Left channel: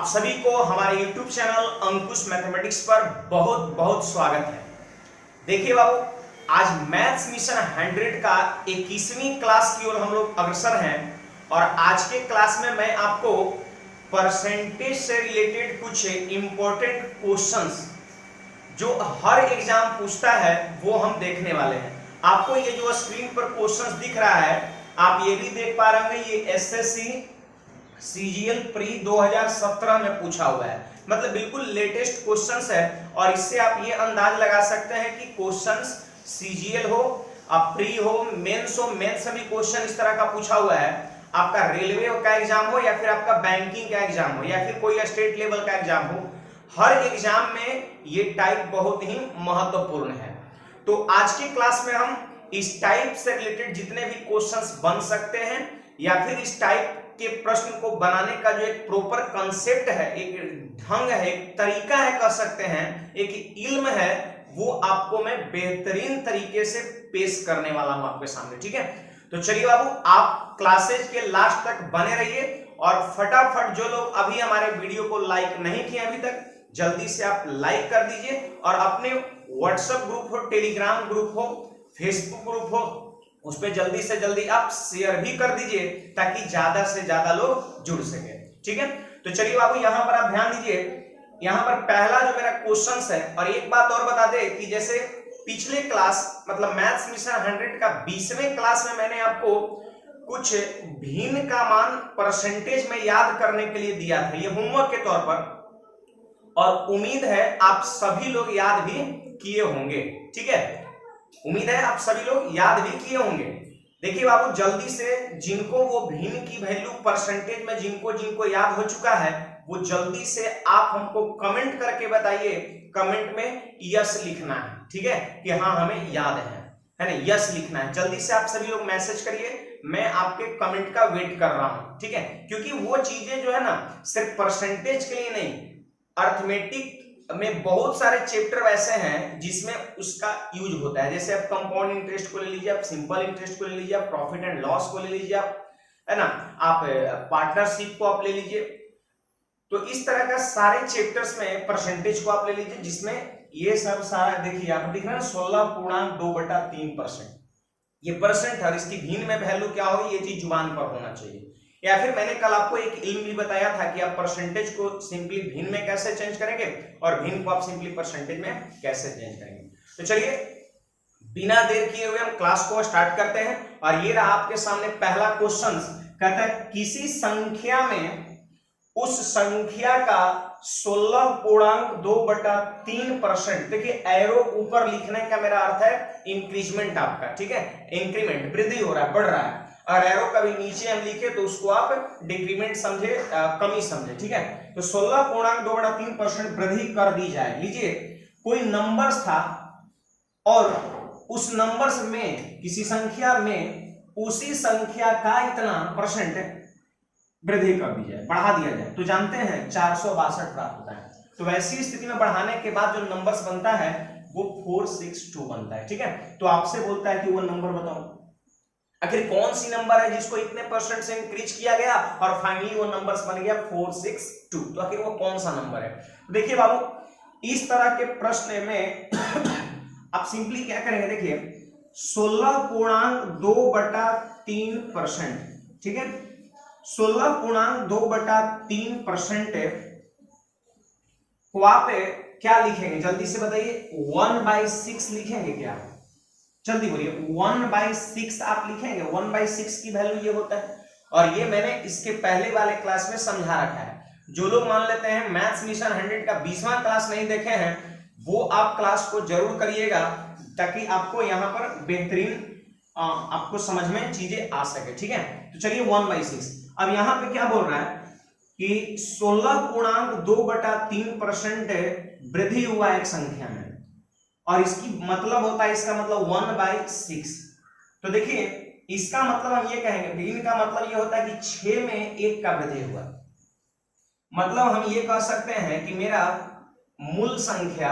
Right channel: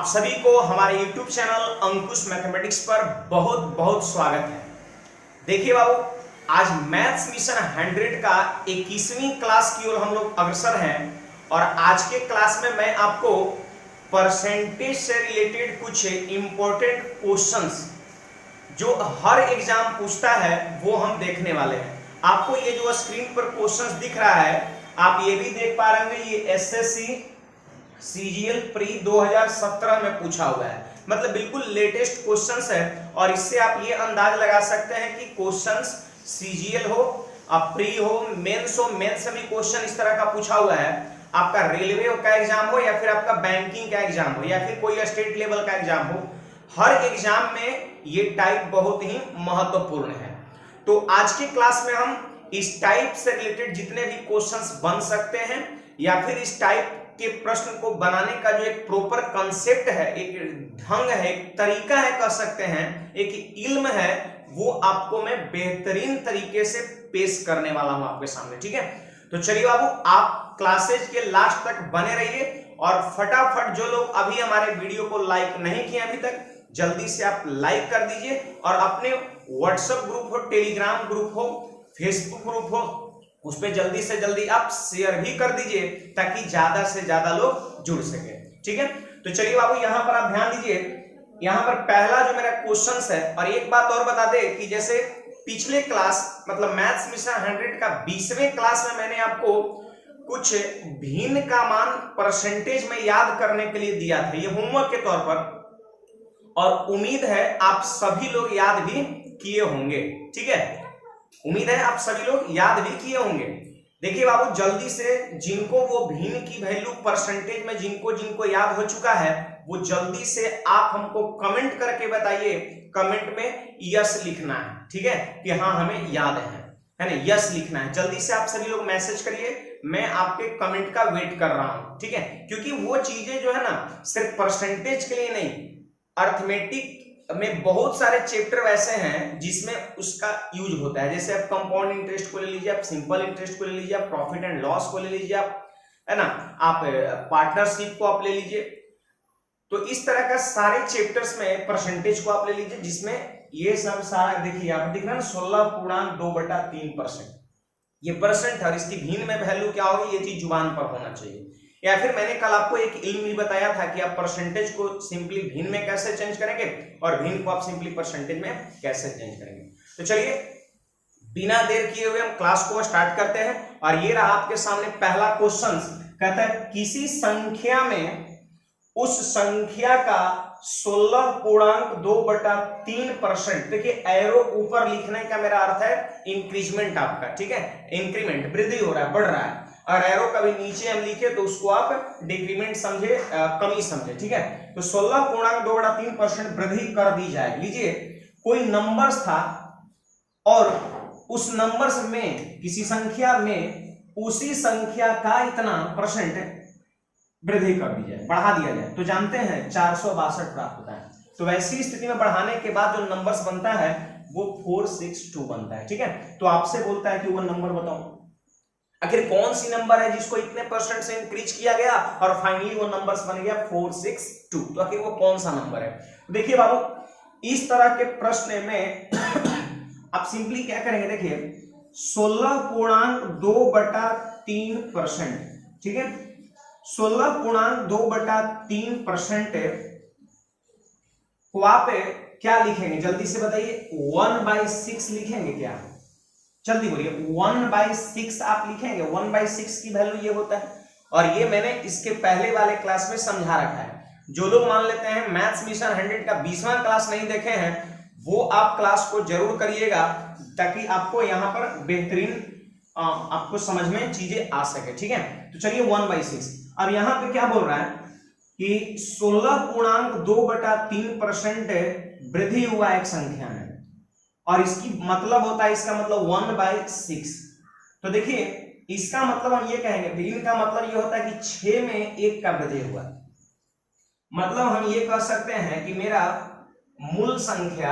आप सभी को हमारे YouTube चैनल अंकुश मैथमेटिक्स पर बहुत बहुत स्वागत है। देखिए बाबू, आज मैथ्स मिशन 100 का 21वीं क्लास की ओर हम लोग अग्रसर हैं और आज के क्लास में मैं आपको परसेंटेज से रिलेटेड कुछ इंपॉर्टेंट क्वेश्चंस जो हर एग्जाम पूछता है वो हम देखने वाले हैं। आपको ये जो स्क्रीन पर क्वेश्चंस दिख रहा है, आप ये भी देख पा रहे हैं, ये एसएससी सीजीएल प्री 2017 में पूछा हुआ है, मतलब बिल्कुल लेटेस्ट क्वेश्चंस है। और इससे आप ये अंदाज लगा सकते हैं कि क्वेश्चंस सीजीएल हो, प्री हो, मेंस हो, मेंस से भी क्वेश्चन इस तरह का पूछा हुआ है। आपका रेलवे का एग्जाम हो या फिर आपका बैंकिंग का एग्जाम हो या फिर कोई स्टेट लेवल का एग्जाम हो, हर एग्जाम में ये टाइप बहुत ही महत्वपूर्ण है। तो आज के क्लास में हम इस टाइप से रिलेटेड जितने भी क्वेश्चंस बन सकते हैं या फिर इस टाइप के प्रश्न को बनाने का जो एक प्रॉपर कंसेप्ट है, एक ढंग है, एक तरीका है, कह सकते हैं एक इल्म है, वो आपको मैं बेहतरीन तरीके से पेश करने वाला हूं आपके सामने। ठीक है, तो चलिए बाबू, आप क्लासेज के लास्ट तक बने रहिए और फटाफट जो लोग अभी हमारे वीडियो को लाइक नहीं किए अभी तक, जल्दी से आप लाइक कर दीजिए और अपने व्हाट्सएप ग्रुप हो, टेलीग्राम ग्रुप हो, फेसबुक ग्रुप हो, उस पर जल्दी से जल्दी आप शेयर भी कर दीजिए ताकि ज्यादा से ज्यादा लोग जुड़ सके। ठीक है, तो चलिए बाबू, यहां पर आप ध्यान दीजिए। यहां पर पहला जो मेरा क्वेश्चन है, और एक बात और बता दे कि जैसे पिछले क्लास मतलब मैथ्स मिशन 100 का 20वें क्लास में मैंने आपको कुछ भिन्न का मान परसेंटेज में याद करने के लिए दिया था, ये होमवर्क के तौर पर, और उम्मीद है आप सभी लोग याद भी किए होंगे। ठीक है, उम्मीद है आप सभी लोग याद भी किए होंगे। देखिए बाबू, जल्दी से जिनको वो भिन्न की वैल्यू परसेंटेज में जिनको याद हो चुका है, वो जल्दी से आप हमको कमेंट करके बताइए। कमेंट में यस लिखना है, ठीक है, कि हाँ हमें याद है ना, यस लिखना है। जल्दी से आप सभी लोग मैसेज करिए, मैं आपके कमेंट का वेट कर रहा हूं। ठीक है, क्योंकि वो चीजें जो है ना सिर्फ परसेंटेज के लिए नहीं, अर्थमेटिक में बहुत सारे चैप्टर वैसे हैं जिसमें उसका यूज होता है। जैसे आप कंपाउंड इंटरेस्ट को ले लीजिए, आप सिंपल इंटरेस्ट को ले लीजिए, आप प्रॉफिट एंड लॉस को ले लीजिए, आप है ना, आप पार्टनरशिप को आप ले लीजिए। तो इस तरह का सारे चैप्टर्स में परसेंटेज को आप ले लीजिए, जिसमें ये सब सारा देखिए यहाँ पर दिख रहा है 16.2/3%। ये परसेंट है, इसकी भिन्न में वैल्यू क्या होगी, ये चीज जुबान पर होना चाहिए। या फिर मैंने कल आपको एक इल्म भी बताया था कि आप परसेंटेज को सिंपली भिन्न में कैसे चेंज करेंगे और भिन्न को आप सिंपली परसेंटेज में कैसे चेंज करेंगे। तो चलिए बिना देर किए हुए हम क्लास को स्टार्ट करते हैं। और ये रहा आपके सामने पहला क्वेश्चन, कहता है किसी संख्या में उस संख्या का 16.2/3%। देखिए एरो ऊपर लिखने का मेरा अर्थ है इंक्रीजमेंट आपका, ठीक है, इंक्रीमेंट, वृद्धि हो रहा है, बढ़ रहा है। और एरो कभी नीचे हम लिखे तो उसको आप डिक्रीमेंट समझे, कमी समझे। ठीक है, तो 16.2/3% वृद्धि कर दी जाए। लीजिए कोई नंबर्स था और उस नंबर्स में किसी संख्या में उसी संख्या का इतना परसेंट वृद्धि कर दी जाए, बढ़ा दिया जाए, तो जानते हैं 462 प्राप्त होता है। तो वैसी स्थिति में बढ़ाने के बाद जो नंबर्स बनता है वो 462 बनता है। ठीक है, तो आपसे बोलता है कि वो नंबर बताओ, आखिर कौन सी नंबर है जिसको इतने परसेंट से इंक्रीज किया गया और फाइनली वो नंबर्स बन गया 462। तो आखिर वो कौन सा नंबर है? देखिए बाबू, इस तरह के प्रश्न में आप सिंपली क्या करेंगे, देखिए 16.2/3%, ठीक है, 16.2/3% को आप क्या लिखेंगे, जल्दी से बताइए, 1/6 लिखेंगे क्या? जल्दी बोलिए, 1/6 आप लिखेंगे। 1/6 की वैल्यू ये होता है, और ये मैंने इसके पहले वाले क्लास में समझा रखा है। जो लोग मान लेते हैं मैथ्स मिशन 100 का 20वां क्लास नहीं देखे हैं, वो आप क्लास को जरूर करिएगा ताकि आपको यहाँ पर बेहतरीन आपको समझ में चीजें आ सके। ठीक है, तो चलिए 1/6। अब यहाँ पे क्या बोल रहा है कि 16.2/3% वृद्धि हुआ एक संख्या में, और इसकी मतलब होता है, इसका मतलब 1/6। तो देखिए इसका मतलब हम ये कहेंगे, भिन्न का मतलब ये होता है कि 6 में 1 का वृद्धि हुआ। मतलब हम ये कह सकते हैं कि मेरा मूल संख्या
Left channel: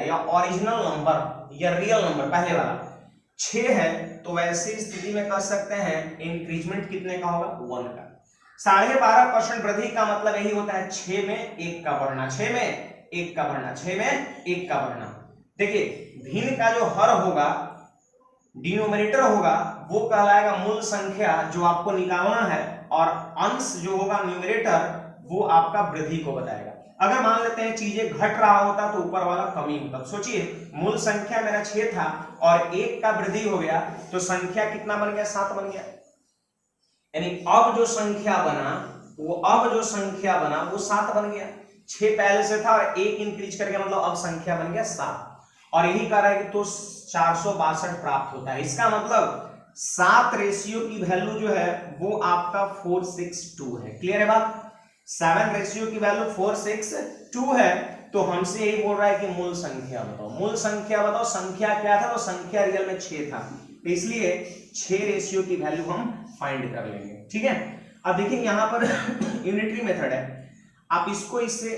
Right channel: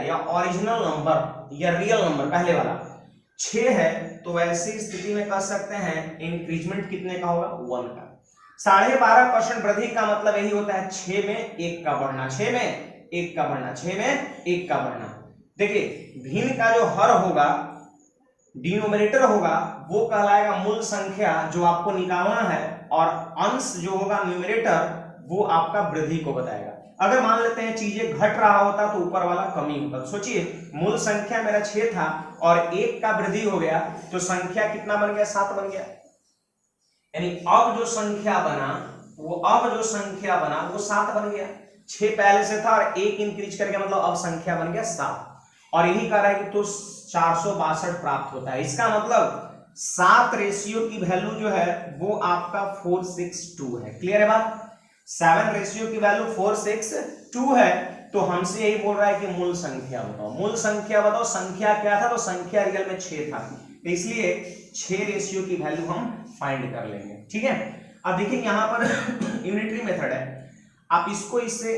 या ओरिजिनल नंबर या रियल नंबर पहले वाला 6 है, तो वैसी स्थिति में कह सकते हैं इंक्रीजमेंट कितने का होगा, 1 का। 12.5% वृद्धि का मतलब यही होता है 6 में 1 का बढ़ना, 6 में 1 का बढ़ना, 6 में 1 का बढ़ना। देखिए भिन्न का जो हर होगा, डिनोमिनेटर होगा, वो कहलाएगा मूल संख्या जो आपको निकालना है, और अंश जो होगा न्यूमरेटर वो आपका वृद्धि को बताएगा। अगर मान लेते हैं चीजें घट रहा होता तो ऊपर वाला कमी होता। सोचिए मूल संख्या मेरा 6 था और 1 का वृद्धि हो गया तो संख्या कितना बन गया, 7 बन गया। यानी अब जो संख्या बना वो 7 बन गया। 6 पहले से था और 1 इंक्रीज करके मतलब अब संख्या बन गया 7। और यही कह रहा है कि तो 462 प्राप्त होता है। इसका मतलब 7 रेशियो की वैल्यू जो है वो आपका 462 है। क्लियर है बात? 7 रेशियो की वैल्यू 462 है। तो हमसे यही बोल रहा है कि मूल संख्या बताओ, मूल संख्या बताओ। संख्या क्या था? तो संख्या रियल में 6 था, तो इसलिए 6 रेशियो की वैल्यू हम फाइंड कर लेंगे। ठीक है, अब देखिए यहां पर यूनिटरी मेथड है, आप इसको इससे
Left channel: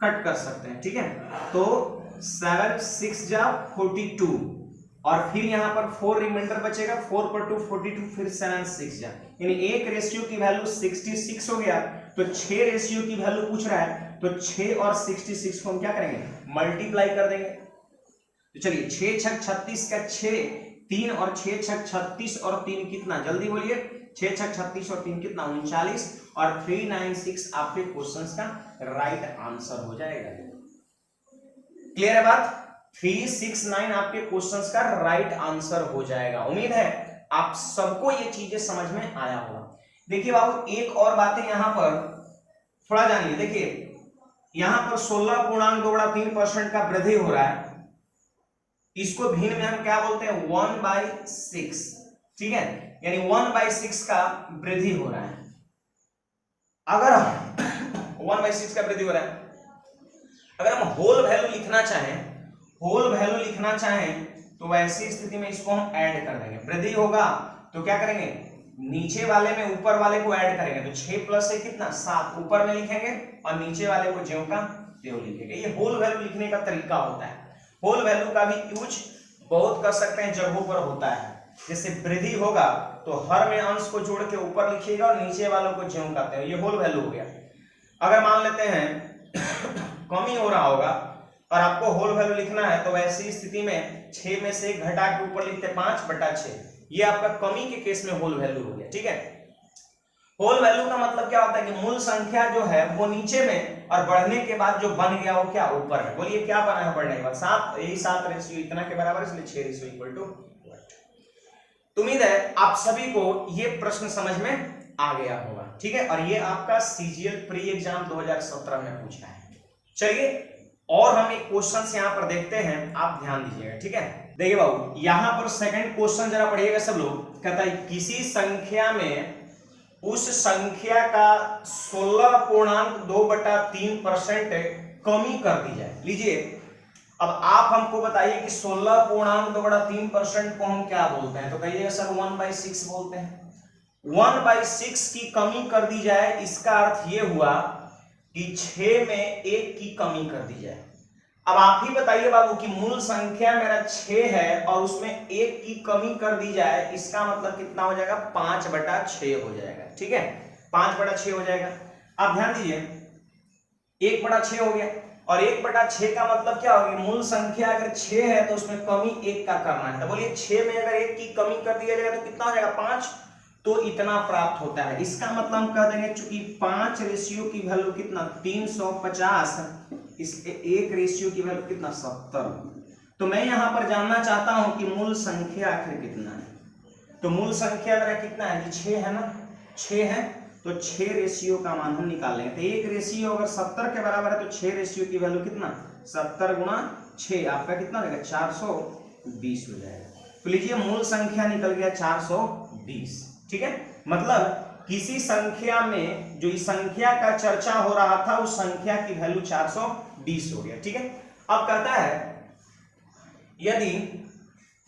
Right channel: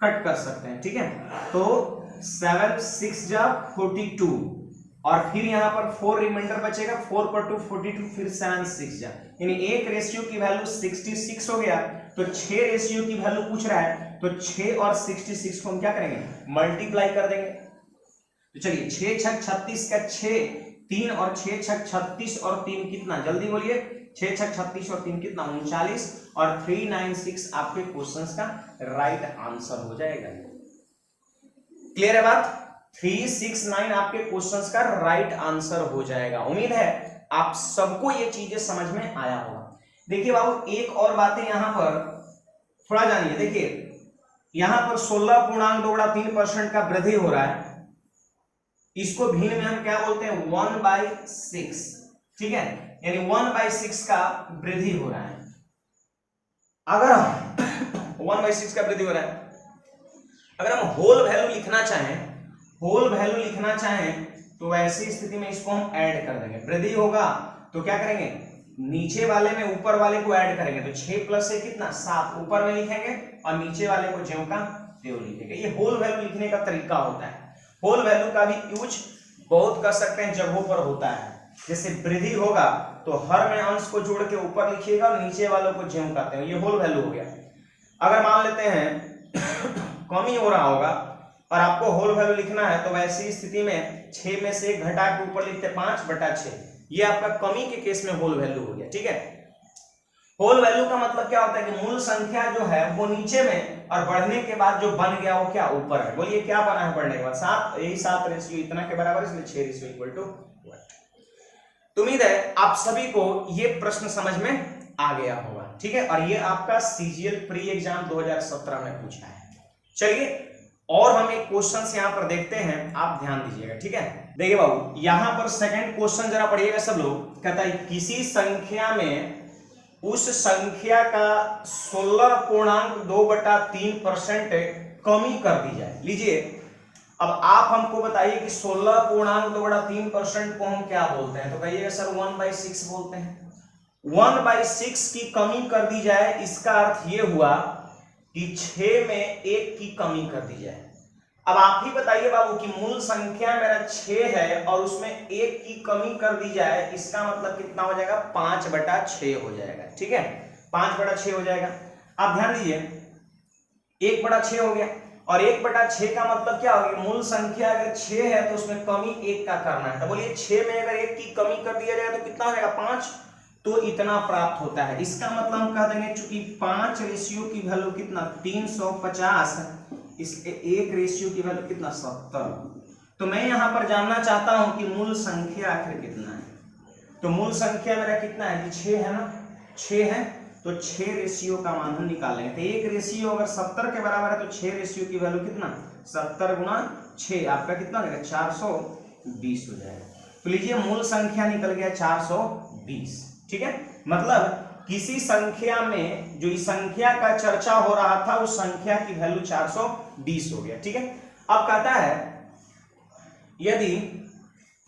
कट कर सकते हैं। ठीक है, तो 7 6 जा 42 और फिर यहां पर 4 रिमाइंडर बचेगा, 4 पर 2 42, फिर 7 6 जा, यानी 1 रेशियो की वैल्यू 66 हो गया। तो 6 रेशियो की वैल्यू पूछ रहा है, तो 6 और 66 को हम क्या करेंगे, मल्टीप्लाई कर देंगे। तो चलिए 6 6 36 का 6, 3 और 6 6 36 और 3 कितना, जल्दी बोलिए। 6 6 36 और 3 कितना, 39, और 396 आपके क्वेश्चंस का राइट आंसर हो जाएगा। क्लियर है बात? 369 आपके क्वेश्चंस का राइट आंसर हो जाएगा। उम्मीद है आप सबको ये चीजें समझ में आया होगा। देखिए बाबू एक और बातें यहां पर थोड़ा जानिए। देखिए यहां पर 16.2-3% का वृद्धि हो रहा है, इसको भिन्न में हम क्या बोलते हैं, 1/6। ठीक है, यानी 1/6 का वृद्धि हो रहा है। अगर 1/6 का वृद्धि हो रहा है, अगर हम होल वैल्यू लिखना चाहें तो वैसी स्थिति में इसको हम ऐड कर देंगे। वृद्धि होगा तो क्या करेंगे, नीचे वाले में ऊपर वाले को ऐड करेंगे, तो 6 + 1 कितना, 7 ऊपर में लिखेंगे और नीचे वाले को ज्यों का त्यों लिखेंगे। ये होल वैल्यू लिखने का तरीका होता है। होल वैल्यू का भी यूज बहुत कर सकते हैं, जगहों पर होता है। जैसे वृद्धि होगा तो हर में अंश को जोड़ के ऊपर लिखिएगा और नीचे वालों को ज्यों का त्यों, ये होल वैल्यू हो गया। अगर मान लेते हैं कमी हो रहा होगा और आपको होल वैल्यू लिखना है, तो वैसी स्थिति में 6 में से 1 घटा के ऊपर लिखते 5/6, ये आपका कमी के केस में होल वैल्यू हो गया। ठीक है, होल वैल्यू का मतलब क्या होता है कि मूल संख्या जो है वो नीचे में और बढ़ने के बाद जो बन गया वो क्या, ऊपर है। बोलिए क्या बना है बढ़ने के बाद, 7, यही 7 रेशियो इतना के बराबर, इसलिए 6 रेशियो इक्वल टू 1। उम्मीद है आप सभी को ये प्रश्न समझ में आ गया होगा। ठीक है, और ये आपका सीजीएल प्री एग्जाम 2017 में पूछा है। चलिए और हम एक क्वेश्चन यहां पर देखते हैं, आप ध्यान दीजिएगा। ठीक है, देखिए बाबू यहां पर सेकंड क्वेश्चन जरा पढ़िएगा सब लोग। कहता है किसी संख्या में उस संख्या का 16.2/3% कमी कर दी जाए। लीजिए अब आप हमको बताइए कि 16.2/3% को हम क्या बोलते हैं, तो कहिएगा सर 1/6 बोलते हैं। 1/6 की कमी कर दी जाए, इसका अर्थ ये हुआ कि 6 में 1 की कमी कर दी जाए। अब आप ही बताइए बाबू कि मूल संख्या मेरा 6 है और उसमें 1 की कमी कर दी जाए, इसका मतलब कितना हो जाएगा, 5/6 हो जाएगा। ठीक है, 5/6 हो जाएगा। अब ध्यान दीजिए 1/6 हो गया, और 1/6 का मतलब क्या हो गया, मूल संख्या अगर 6 है तो उसमें कमी 1 का करना है। तो बोलिए 6 में अगर 1 की कमी कर दिया जाएगा तो कितना हो जाएगा, 5, तो इतना प्राप्त होता है। इसका मतलब हम कह देंगे चूंकि 5 रेशियो की वैल्यू कितना, 350, इसलिए 1 रेशियो की वैल्यू कितना, 70। तो मैं यहां पर जानना चाहता हूं कि मूल संख्या आखिर कितना है। तो मूल संख्या मेरा कितना है, 6 है ना, 6 है, तो 6 रेशियो का मान हम निकालेंगे। तो 1 रेशियो अगर 70 के बराबर है तो 6 रेशियो की वैल्यू कितना, 70 गुना 6, आपका कितना हो जाएगा, 420 हो जाएगा। तो लीजिए मूल संख्या निकल गया 420। ठीक है, मतलब किसी संख्या में जो इस संख्या का चर्चा हो रहा था उस संख्या की वैल्यू 420 हो गया। ठीक है, अब कहता है यदि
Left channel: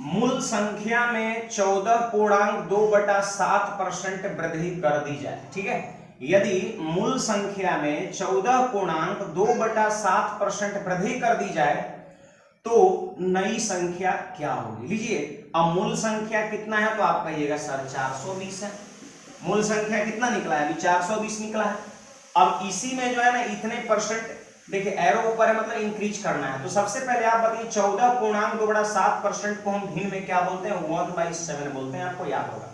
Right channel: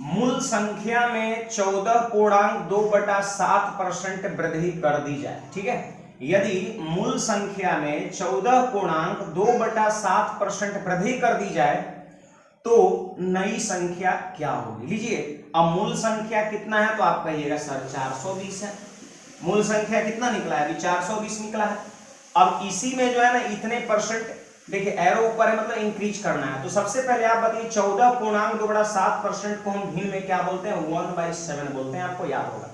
मूल संख्या में 14.2/7% वृद्धि कर दी जाए। ठीक है, यदि मूल संख्या में 14.2/7% वृद्धि कर दी जाए तो नई संख्या क्या होगी। लीजिए अब मूल संख्या कितना है, तो आप कहिएगा सर 420 है। मूल संख्या कितना निकला है, अभी 420 निकला है। अब इसी में जो है ना इतने परसेंट, देखिए एरो ऊपर है मतलब इंक्रीज करना है। तो सबसे पहले आप बताइए 14.2/7% को हम भिन्न में क्या बोलते हैं, 1/7 बोलते हैं, आपको याद होगा।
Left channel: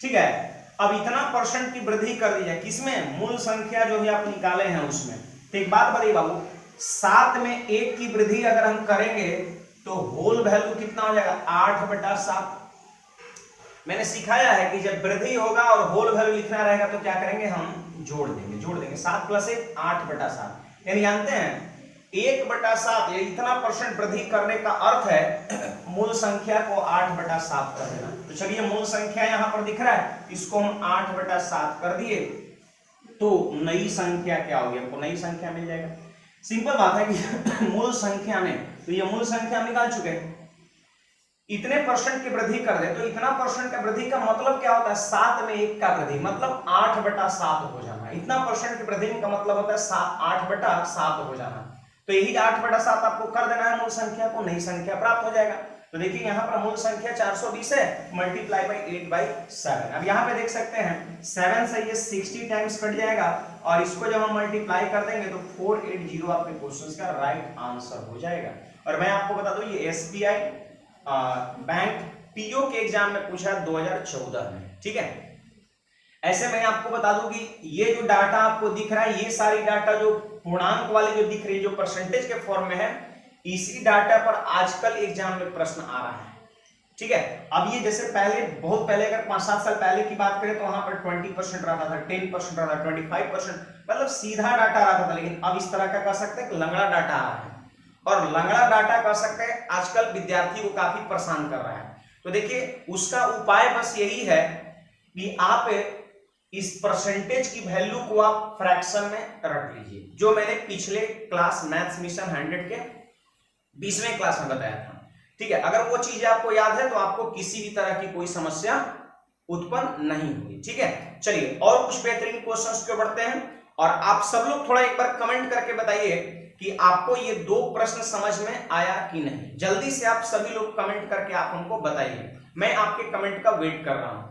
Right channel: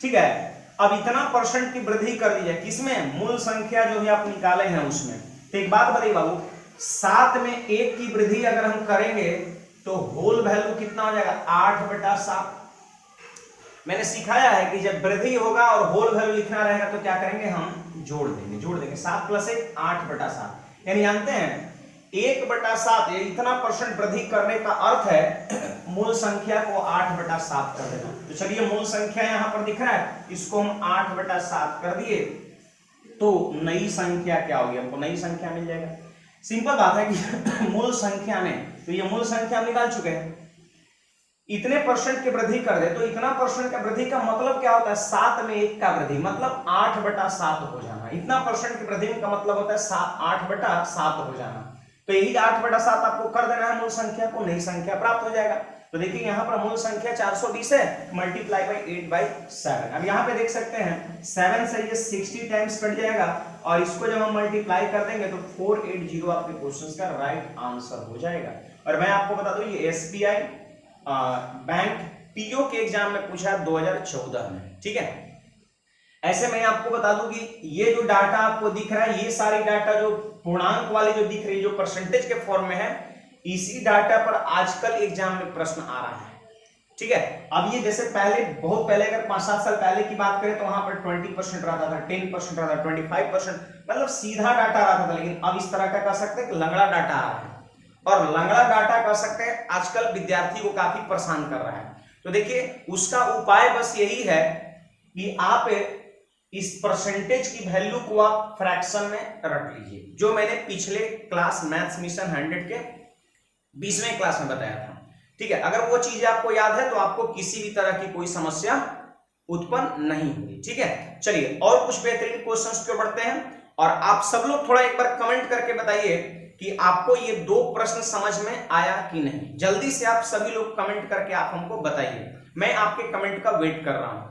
ठीक है, अब इतना परसेंट की वृद्धि कर दी है किसमें, मूल संख्या जो भी आप निकाले हैं उसमें। तो एक बात बताइए बाबू, 7 में 1 की वृद्धि अगर हम करेंगे तो होल वैल्यू कितना हो जाएगा, 8/7। मैंने सिखाया है कि जब वृद्धि होगा और होल वैल्यू लिखना रहेगा तो क्या करेंगे, हम जोड़ देंगे 7 + 1 8/7। यानी जानते हैं 1/7 ये इतना परसेंट वृद्धि करने का अर्थ है मूल संख्या को 8/7 कर देना। तो चलिए मूल संख्या यहां पर दिख रहा है, इसको हम 8/7 कर दिए तो नई संख्या क्या होगी, हमको नई संख्या मिल जाएगा। सिंपल बात है कि मूल संख्या में, तो ये मूल संख्या हम निकाल चुके हैं, इतने परसेंट की वृद्धि कर दे तो इतना परसेंट का वृद्धि का मतलब क्या होता है, 7 में 1 का वृद्धि मतलब 8/7 हो जाना। इतना परसेंट की वृद्धि का मतलब होता है 8/7 हो जाना। तो यही 8/7 आपको कर देना है मूल संख्या को, नई संख्या प्राप्त हो जाएगा। तो देखिए यहाँ पर मूल संख्या 420 है, मल्टीप्लाई बाई 8/7। अब यहाँ पे देख सकते हैं 7 से ये 60 टाइम्स कट जाएगा और इसको जब हम मल्टीप्लाई कर देंगे तो 480 आपके क्वेश्चन का राइट आंसर हो जाएगा। और मैं आपको बता दूं ये SBI बैंक पीओ के एग्जाम में पूछा 2014 में। ठीक है, ऐसे मैं आपको बता दूं कि ये जो डाटा आपको दिख रहा है, ये सारी डाटा जो पूर्णांक वाली जो दिख रही है, जो परसेंटेज के फॉर्म में है, इसी डाटा पर आजकल एग्जाम में प्रश्न आ रहा है। ठीक है, अब ये जैसे पहले बहुत पहले अगर 5-7 साल पहले की बात करें तो वहां पर 20% रहता था, 10% रहता था, 25%, मतलब सीधा डाटा रहता था। लेकिन अब इस तरह का कह सकते हैं कि लंगड़ा डाटा आ रहा है, और लंगड़ा डाटा कह सकते हैं आजकल विद्यार्थी को काफी परेशान कर रहा है। तो देखिए उसका उपाय बस यही है कि आप इस परसेंटेज की वैल्यू को आप फ्रैक्शन में रख लीजिए, जो मैंने पिछले क्लास मैथ्स मिशन 100 के 20वें क्लास में बताया था। ठीक है, अगर वो चीजें आपको याद है तो आपको किसी भी तरह की कोई समस्या उत्पन्न नहीं होगी। ठीक है, चलिए और कुछ बेहतरीन क्वेश्चंस पे बढ़ते हैं। और आप सब लोग थोड़ा एक बार कमेंट करके बताइए कि आपको ये 2 प्रश्न समझ में आया कि नहीं। जल्दी से आप सभी लोग कमेंट करके आप हमको बताइए, मैं आपके कमेंट का वेट कर रहा हूं।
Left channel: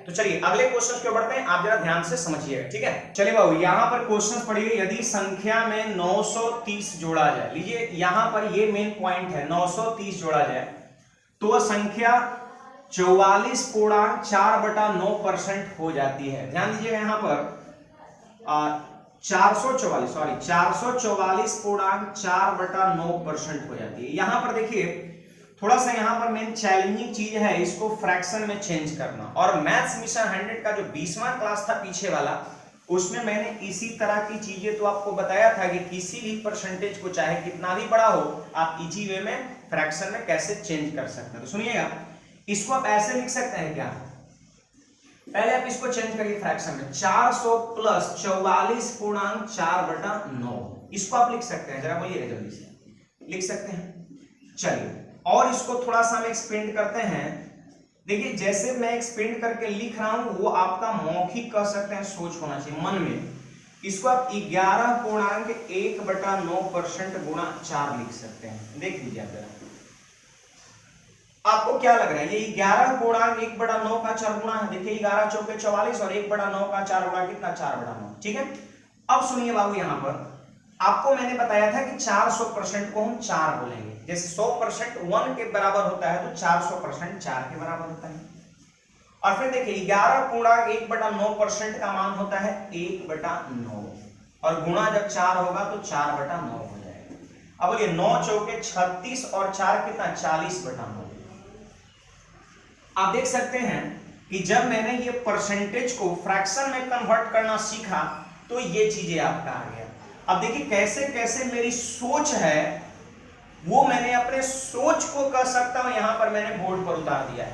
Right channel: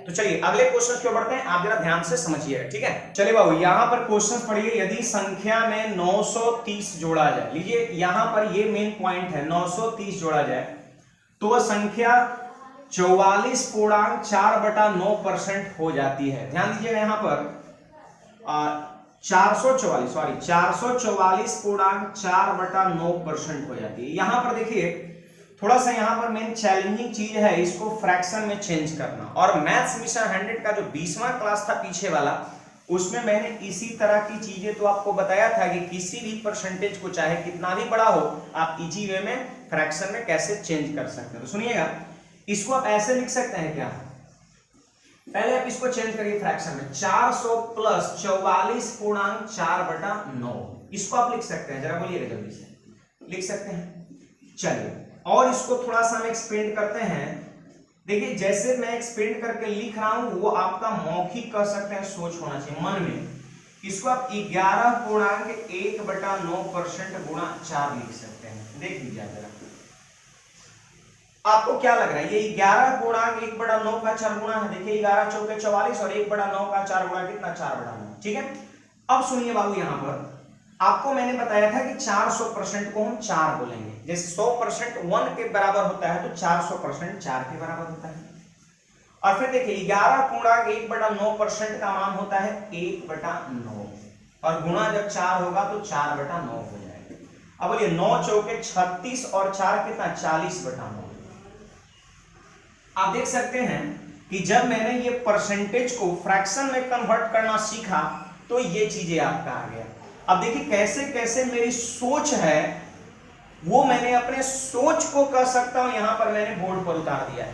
तो चलिए अगले क्वेश्चन पे बढ़ते हैं, आप जरा ध्यान से समझिएगा। ठीक है, चलिए बाबू यहां पर क्वेश्चन पढ़िए, यदि संख्या में 930 जोड़ा जाए, लीजिए यहां पर ये मेन पॉइंट है, 930 जोड़ा जाए तो वह संख्या 44.4/9% हो जाती है। ध्यान दीजिएगा यहां पर 444.4/9% हो जाती है। यहां पर देखिए थोड़ा सा यहां पर मेन चैलेंजिंग चीज है इसको फ्रैक्शन में चेंज करना। और मैथ्स मिशन 100 का जो 20वां क्लास था पीछे वाला, उसमें मैंने इसी तरह की चीजें तो आपको बताया था कि किसी भी परसेंटेज को चाहे कितना भी बड़ा हो, आप इजी वे में फ्रैक्शन में कैसे चेंज कर सकते हैं। तो सुनिएगा, इसको आप ऐसे लिख सकते हैं क्या, पहले आप इसको चेंज करिए फ्रैक्शन में, 400 प्लस 44.4/9, इसको आप लिख सकते हैं, जरा बोलिएगा जल्दी से, लिख सकते हैं। चलिए और इसको थोड़ा सा हम एक्सपेंड करते हैं। देखिए जैसे मैं एक्सपेंड करके लिख रहा हूं वो आपका मौखिक कह सकते हैं, सोच होना चाहिए मन में। इसको आप 11.1/9% गुणा 4 लिख सकते हैं। देख लीजिए जरा आपको क्या लग रहा है, ये 11.1/9 का 4 गुणा है। देखिए 11 चौके 44 और 1/9 का 4 गुणा कितना, 4/9। ठीक है, अब सुनिए बाबू यहां पर आपको मैंने बताया था कि 400% को हम 4 बोलेंगे। जैसे 100% 1 के बराबर होता है तो 400% 4 के बराबर होता है। और फिर देखिए 11.1/9% का मान होता है 1/9 और गुणा जब 4 होगा तो 4/9 हो जाएगा। अब बोलिए 9 चौके 36 और 4 कितना, 40/9। आप देख सकते हैं कि जब मैंने ये परसेंटेज को फ्रैक्शन में कन्वर्ट करना सीखा तो ये चीजें आपका आ गया। अब देखिए कैसे कैसे मेरी सोच है वो मैंने अपने सोच को कह सकता हूं यहां पर मैंने बोर्ड पर उतार दिया है।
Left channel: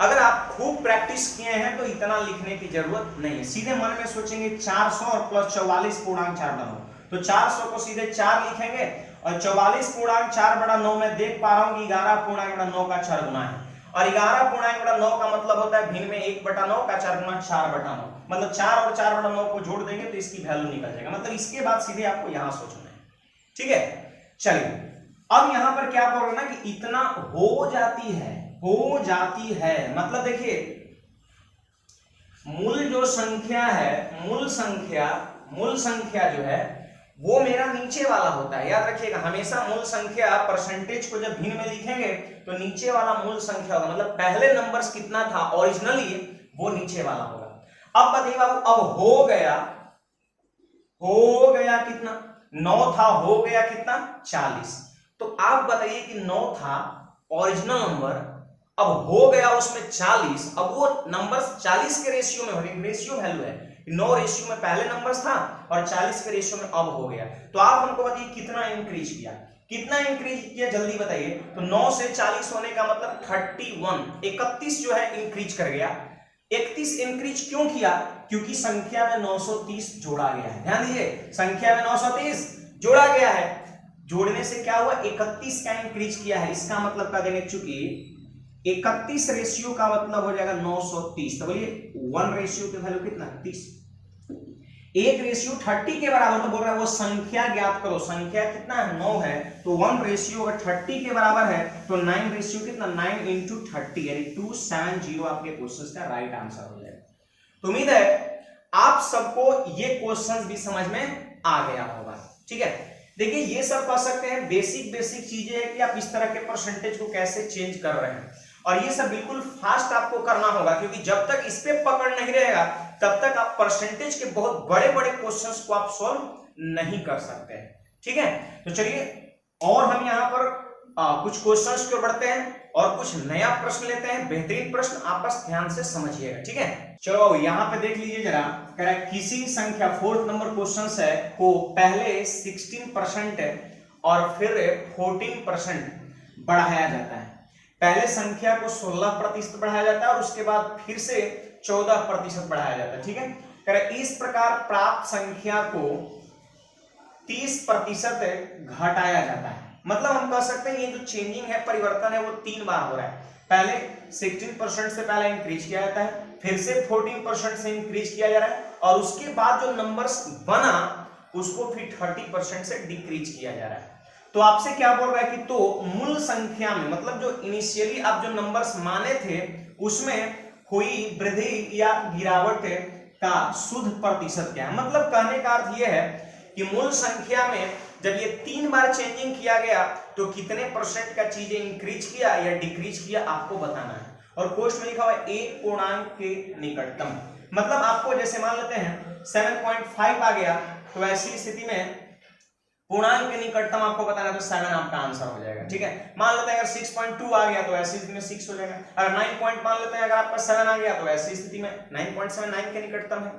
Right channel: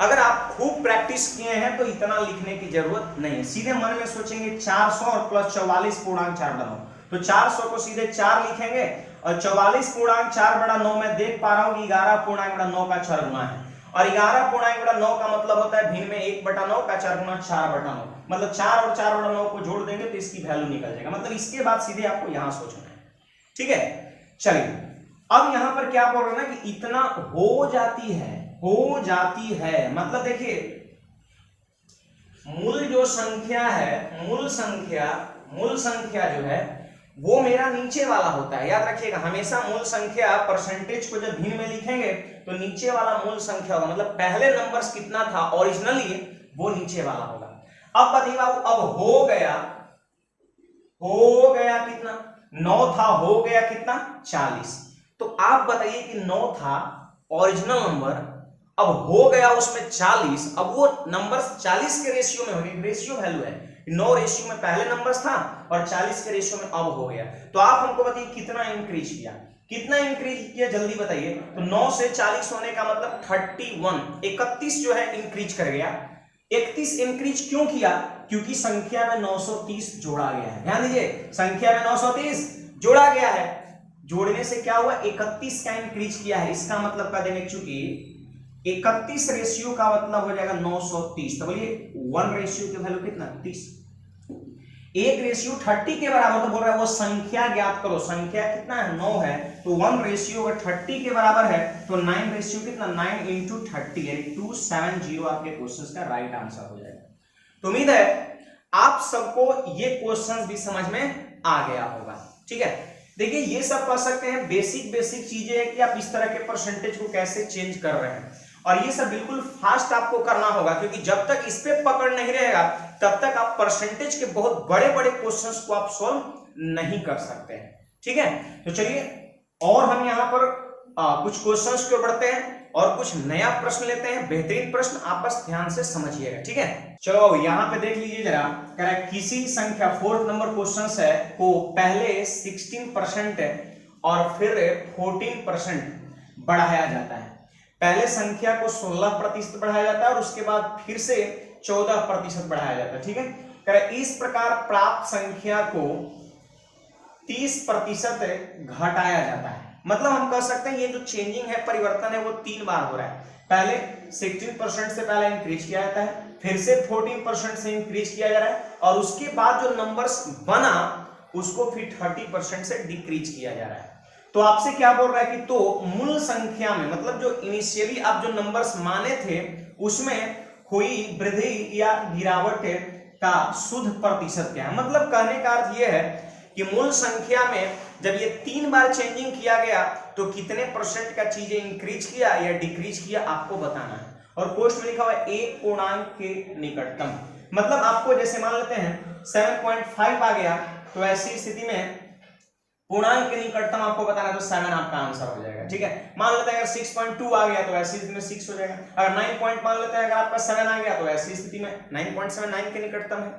अगर आप खूब प्रैक्टिस किए हैं तो इतना लिखने की जरूरत नहीं है, सीधे मन में सोचेंगे 400 और प्लस 44.4/9, तो 400 को सीधे 4 लिखेंगे और 44.4/9 में देख पा रहा हूं कि 11.9 का 4 गुना है और 11.9 का मतलब होता है भिन्न में 1/9 का 4 गुना 4/9, मतलब 4 और 4/9 को जोड़ देंगे तो इसकी वैल्यू निकल जाएगा। मतलब इसके बाद सीधे आपको यहां सोचना है। ठीक है, चलिए अब यहां पर क्या बोल रहा है कि इतना हो जाती है, मतलब देखिए मूल जो संख्या है, मूल संख्या जो है वो मेरा नीचे वाला होता है। याद रखिएगा, हमेशा मूल संख्या परसेंटेज को जब भिन्न में लिखेंगे तो नीचे वाला मूल संख्या होगा, मतलब पहले नंबर्स कितना था ओरिजिनली वो नीचे वाला होगा। अब बताइए बाबू, अब हो गया कितना, 9 था, हो गया कितना 40। तो आप बताइए कि 9 था ओरिजिनल नंबर, अब हो गया उसमें 40, अब वो नंबर 40 के रेशियो में हो गया, रेशियो वैल्यू है, 9 रेशियो में पहले नंबर्स था और 40 के रेशियो में अब हो गया। तो आप हमको बताइए कितना इंक्रीज किया, जल्दी बताइए। तो 9 से 40 होने का मतलब 31 जो है इंक्रीज कर गया। 31 इंक्रीज क्यों किया? क्योंकि संख्या में 930 जोड़ा गया है। ध्यान दीजिए, संख्या में 930 जोड़ा गया है, जोड़ने से क्या हुआ, 31 का इंक्रीज किया है। इसका मतलब कर देंगे, चूंकि 31 रेशियो का मतलब हो जाएगा 930, तो बोलिए 1 रेशियो की वैल्यू कितना 30, 1 रेशियो 30 के बराबर। तो बोल रहा है वो संख्या ज्ञात करो, संख्या कितना है 9 है, तो 1 रेशियो अगर 30 के बराबर है तो 9 रेशियो कितना 9 इंटू 30 यानी 270 आपके क्वेश्चन का राइट आंसर हो जाएगा। तो उम्मीद है आप सबको ये क्वेश्चन भी समझ में आ गया होगा। ठीक है, देखिए ये सब कर सकते हैं, बेसिक चीजें हैं कि आप इस तरह के परसेंटेज को कैसे चेंज कर रहे हैं, और ये सब बिल्कुल फास्ट आपको करना होगा, क्योंकि जब तक इस पे पकड़ नहीं रहेगा तब तक आप परसेंटेज के बहुत बड़े बड़े क्वेश्चंस को आप सॉल्व नहीं कर सकते हैं। ठीक है, तो चलिए और हम यहाँ पर कुछ क्वेश्चंस को बढ़ते हैं और कुछ नया प्रश्न लेते हैं, बेहतरीन प्रश्न, आप बस ध्यान से समझिएगा। ठीक है, चलो यहाँ पे देख लीजिए जरा, कह रहा है किसी संख्या 4th नंबर क्वेश्चन है को पहले 16% और फिर 14% बढ़ाया जाता है। पहले संख्या को 16% बढ़ाया जाता है और उसके बाद फिर से 14% बढ़ाया जाता है। ठीक है, कह रहा है इस प्रकार प्राप्त संख्या को 30% घटाया जाता है। मतलब हम कह सकते हैं ये जो चेंजिंग है, परिवर्तन है, वो 3 बार हो रहा है। पहले 16% से पहले इंक्रीज किया जाता है, फिर से 14% से इंक्रीज किया जा रहा है, और उसके बाद जो नंबर्स बना उसको फिर 30% से डिक्रीज किया जा रहा है। तो आपसे क्या बोल रहा है कि तो मूल संख्या में, मतलब जो इनिशियली आप जो नंबर्स माने थे उसमें हुई वृद्धि या गिरावट का शुद्ध प्रतिशत क्या है। मतलब कहने का अर्थ यह है कि मूल संख्या में जब ये 3 बार चेंजिंग किया गया तो कितने परसेंट का चीजें इंक्रीज किया या डिक्रीज किया आपको बताना है। और क्वेश्चन में लिखा हुआ है एक पूर्णांक के निकटतम, मतलब आपको जैसे मान लेते हैं 7.5 आ गया, तो ऐसी स्थिति में पूर्णांक के निकटतम आपको बताना है, तो 7 आपका आंसर हो जाएगा। ठीक है, मान लेते हैं अगर 6.2 आ गया तो ऐसी स्थिति में 6 हो जाएगा। अगर 9 पॉइंट मान लेते हैं अगर आपका 7 आ गया तो ऐसी स्थिति में 9.7 9 के निकटतम है।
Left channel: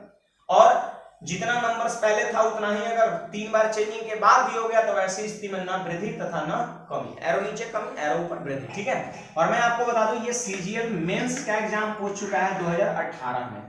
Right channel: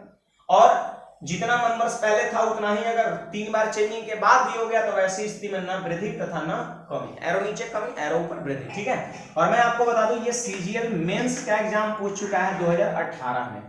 और जितना नंबर्स पहले था उतना ही अगर 3 बार चेंजिंग के बाद भी हो गया तो ऐसी स्थिति में ना वृद्धि तथा ना कमी, एरो नीचे कमी एरो ऊपर वृद्धि। ठीक है, और मैं आपको बता दूं ये सीजीएल मेंस का एग्जाम पूछ चुका है 2018 में।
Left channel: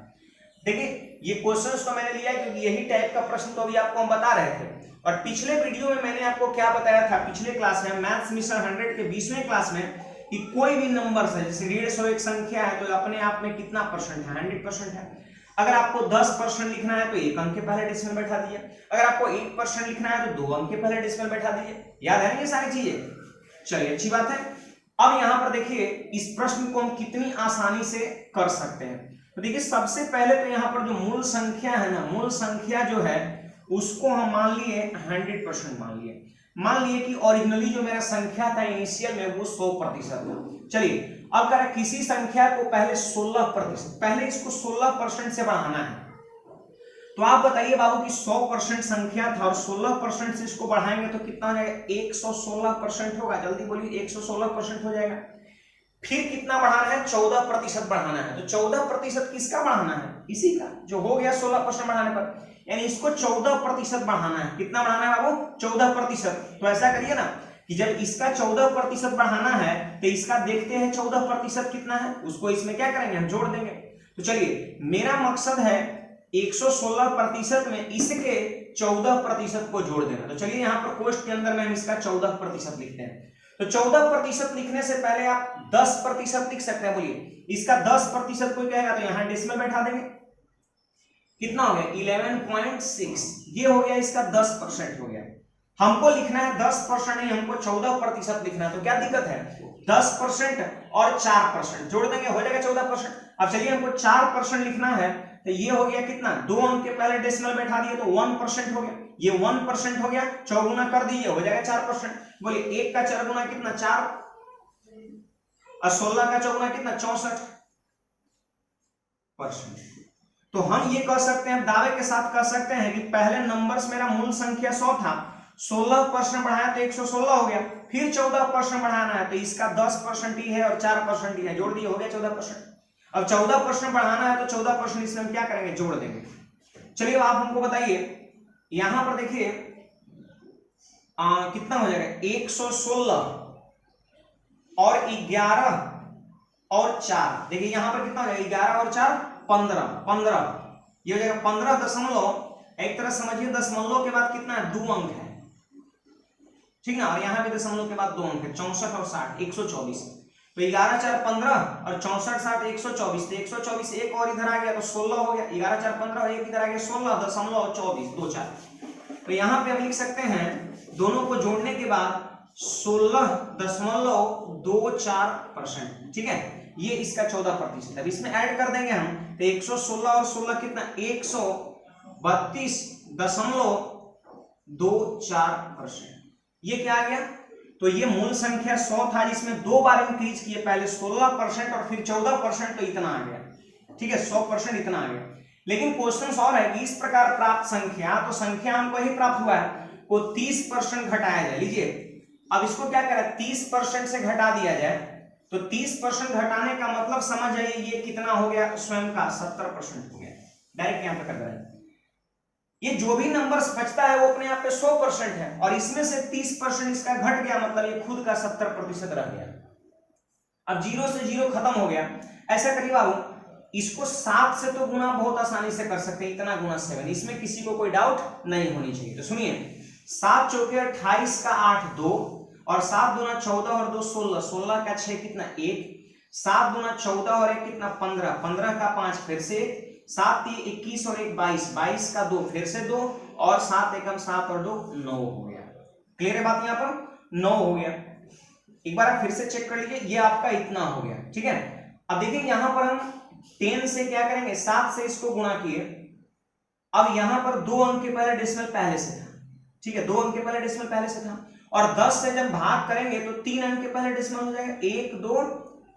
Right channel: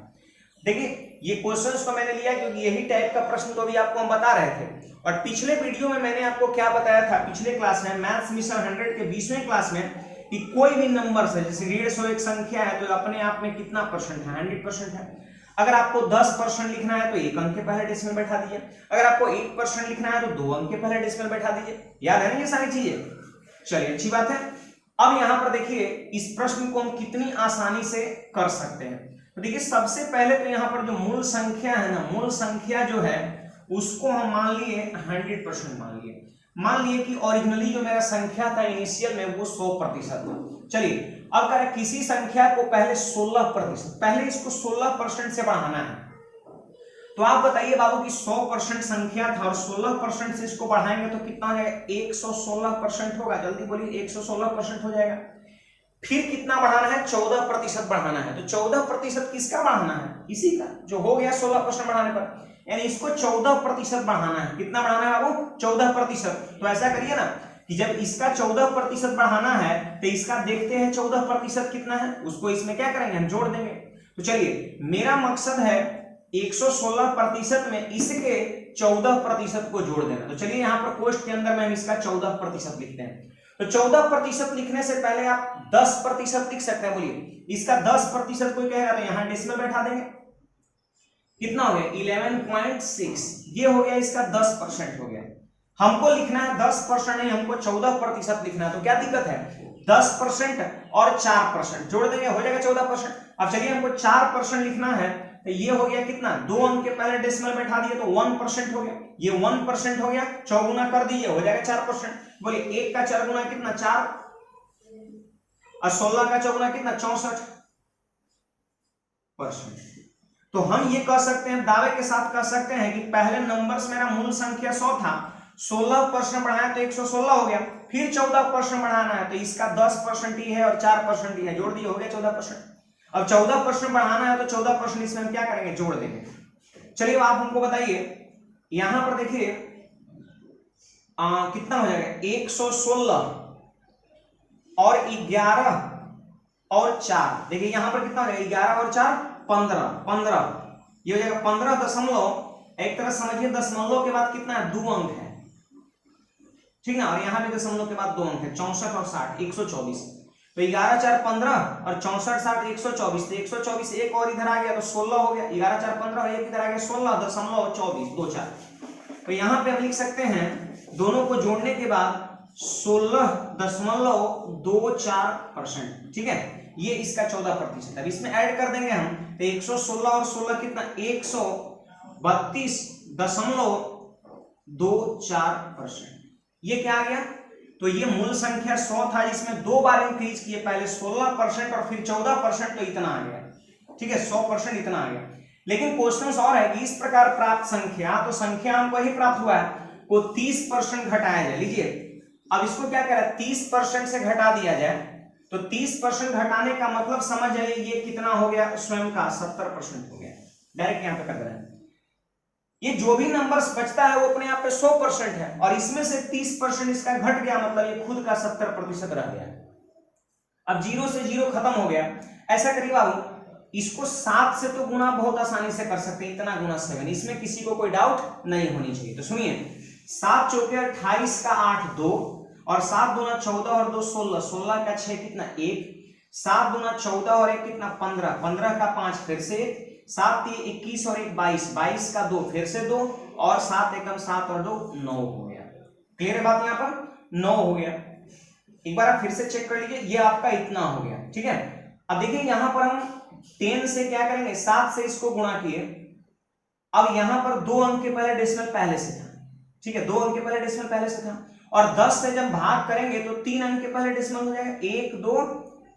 देखिए ये क्वेश्चंस तो मैंने लिया क्योंकि यही टाइप का प्रश्न तो अभी आपको हम बता रहे थे, और पिछले वीडियो में मैंने आपको क्या बताया था, पिछले क्लास में मैथ्स मिशन 100 के 20वें क्लास में, कि कोई भी नंबर है जैसे 150 एक संख्या है तो अपने आप में कितना परसेंट है, 100% है। अगर आपको 10% लिखना है तो 1 अंक के पहले डेसिमल बैठा दीजिए, अगर आपको 1% लिखना है तो 2 अंक के पहले डेसिमल बैठा दीजिए। याद है ना ये सारी चीजें? चलिए अच्छी बात है। अब यहां पर देखिए इस प्रश्न को हम कितनी आसानी से कर सकते हैं। तो देखिए सबसे पहले तो यहाँ पर जो मूल संख्या है ना, मूल संख्या जो है उसको हम मान लिए 100% मान लिए कि ओरिजिनली जो मेरा संख्या था इनिशियल में वो 100% था। चलिए अब करें किसी संख्या को पहले 16%, पहले इसको 16% से बढ़ाना है। तो आप बताइए बाबू कि 100% संख्या था और 16% से इसको बढ़ाएंगे तो कितना हो जाएगा, 116% होगा। जल्दी बोलिए, 116% हो जाएगा। फिर कितना बढ़ाना है, 14% बढ़ाना है। तो 14% किसका बढ़ाना है, इसी का जो हो गया 16% बढ़ाने पर, यानी इसको 14% बढ़ाना है। कितना बढ़ाना है बाबू, 14%। तो ऐसा करिए ना कि जब इसका 14% बढ़ाना है तो इसका देखते हैं 14% कितना है, उसको इसमें क्या करेंगे, हम जोड़ देंगे। तो चलिए मेरा मकसद है 116% में इसके 14% को जोड़ देना। तो चलिए यहाँ पर क्वेश्चन के अंदर में हम इसका 14% लिखते हैं। तो 14% लिखने से पहले आप 10% लिख सकते हैं। बोलिए इसका 10% कोई कहेगा तो यहां डेसिमल बैठा देंगे, कितना हो गया 11.6, ये हो गया इसका 10% हो गया। हमको लिखना है 10% नहीं, हमको 14% लिखना है। तो क्या दिक्कत है, 10% और 4% जोड़ देंगे, हो जाएगा 14%। अब चलिए हमको 4% लिखना है, तो ये हो गया कितना, 2 अंक के पहले डेसिमल बैठा दिए तो 1% हो गया, ये 1% हो गया, चौगुना कर दिए हो जाएगा 4%। बोले 1 का 4 गुना कितना 4, और 16 का चौगुना कितना 64%। तो हम ये कह सकते हैं, दावे के साथ कह सकते हैं कि पहले नंबर्स मेरा मूल संख्या 100 था, 16% बढ़ाया तो 116 हो गया, फिर 14% बढ़ाना है तो इसका 10% ही है और 4% ही है, जोड़ दिए हो गया 14%। अब 14% बढ़ाना है तो 14% इसमें हम क्या करेंगे, जोड़ देंगे। चलिए आप हमको बताइए, यहां पर देखिए कितना हो जाएगा, 116 और 11 और 4, देखिए यहां पर कितना हो जाएगा, 11 और 4 15, ये हो जाएगा 15 दशमलव, एक तरह समझिए दशमलव के बाद कितना है, 2 अंक है, ठीक ना, और यहां भी दशमलव के बाद 2 अंक है, 64 और 60, 124। तो 11 4 15 और 64 60 124, तो 124 एक और इधर आ गया तो 16 हो गया, 11 4 15 और एक इधर आ गया 16.24 तो यहां पे हम लिख सकते हैं दोनों को जोड़ने के बाद 16.24%, ठीक है, ये इसका 14%। अब इसमें ऐड कर देंगे हम तो 116 और 16 कितना, 132.24%, ये क्या आ गया, तो ये मूल संख्या 100 था, जिसमें 2 बार इंक्रीज किए, पहले 16% और फिर 14%, तो इतना आ गया, ठीक है, 100% इतना आ गया। लेकिन क्वेश्चन और है कि इस प्रकार प्राप्त संख्या, तो संख्या हमको ही प्राप्त हुआ है, को 30% घटाया जाए। लीजिए अब इसको क्या करें, 30% से घटा दिया जाए, तो 30% घटाने का मतलब समझ जाइए ये कितना हो गया, स्वयं का 70% हो गया, डायरेक्ट यहां पर कर रहे हैं। ये जो भी नंबर्स बचता है वो अपने आप पे 100% है, और इसमें से 30% इसका घट गया, मतलब ये खुद का 70% रह गया। अब 0 से 0 खत्म हो गया, ऐसा करिए बाबू, इसको 7 से तो गुना बहुत आसानी से कर सकते हैं, इतना गुना 7, इसमें किसी को कोई डाउट नहीं होनी चाहिए। तो सुनिए, 7 चौके 28 का 8 2, और 7 दूना 14 और 2 16, 16 का 6 कितना 1, 7 दूना 14 और 1 कितना 15, 15 का 5 फिर से 7 3 21 और 1 22, 22 का 2 फिर से 2, और 7 एकम 7 और 2 9 हो गया। क्लियर है बात, यहां पर 9 हो गया। एक बार आप फिर से चेक कर लीजिए, ये आपका इतना हो गया, ठीक है। अब देखिए यहां पर हम 10 से क्या करेंगे, 7 से इसको गुणा किए, अब यहां पर 2 अंक के पहले डेसिमल पहले से था, ठीक है, 2 अंक के पहले डेसिमल पहले से था, और 10 से जब भाग करेंगे तो 3 अंक के पहले डेसिमल हो जाएगा, 1 2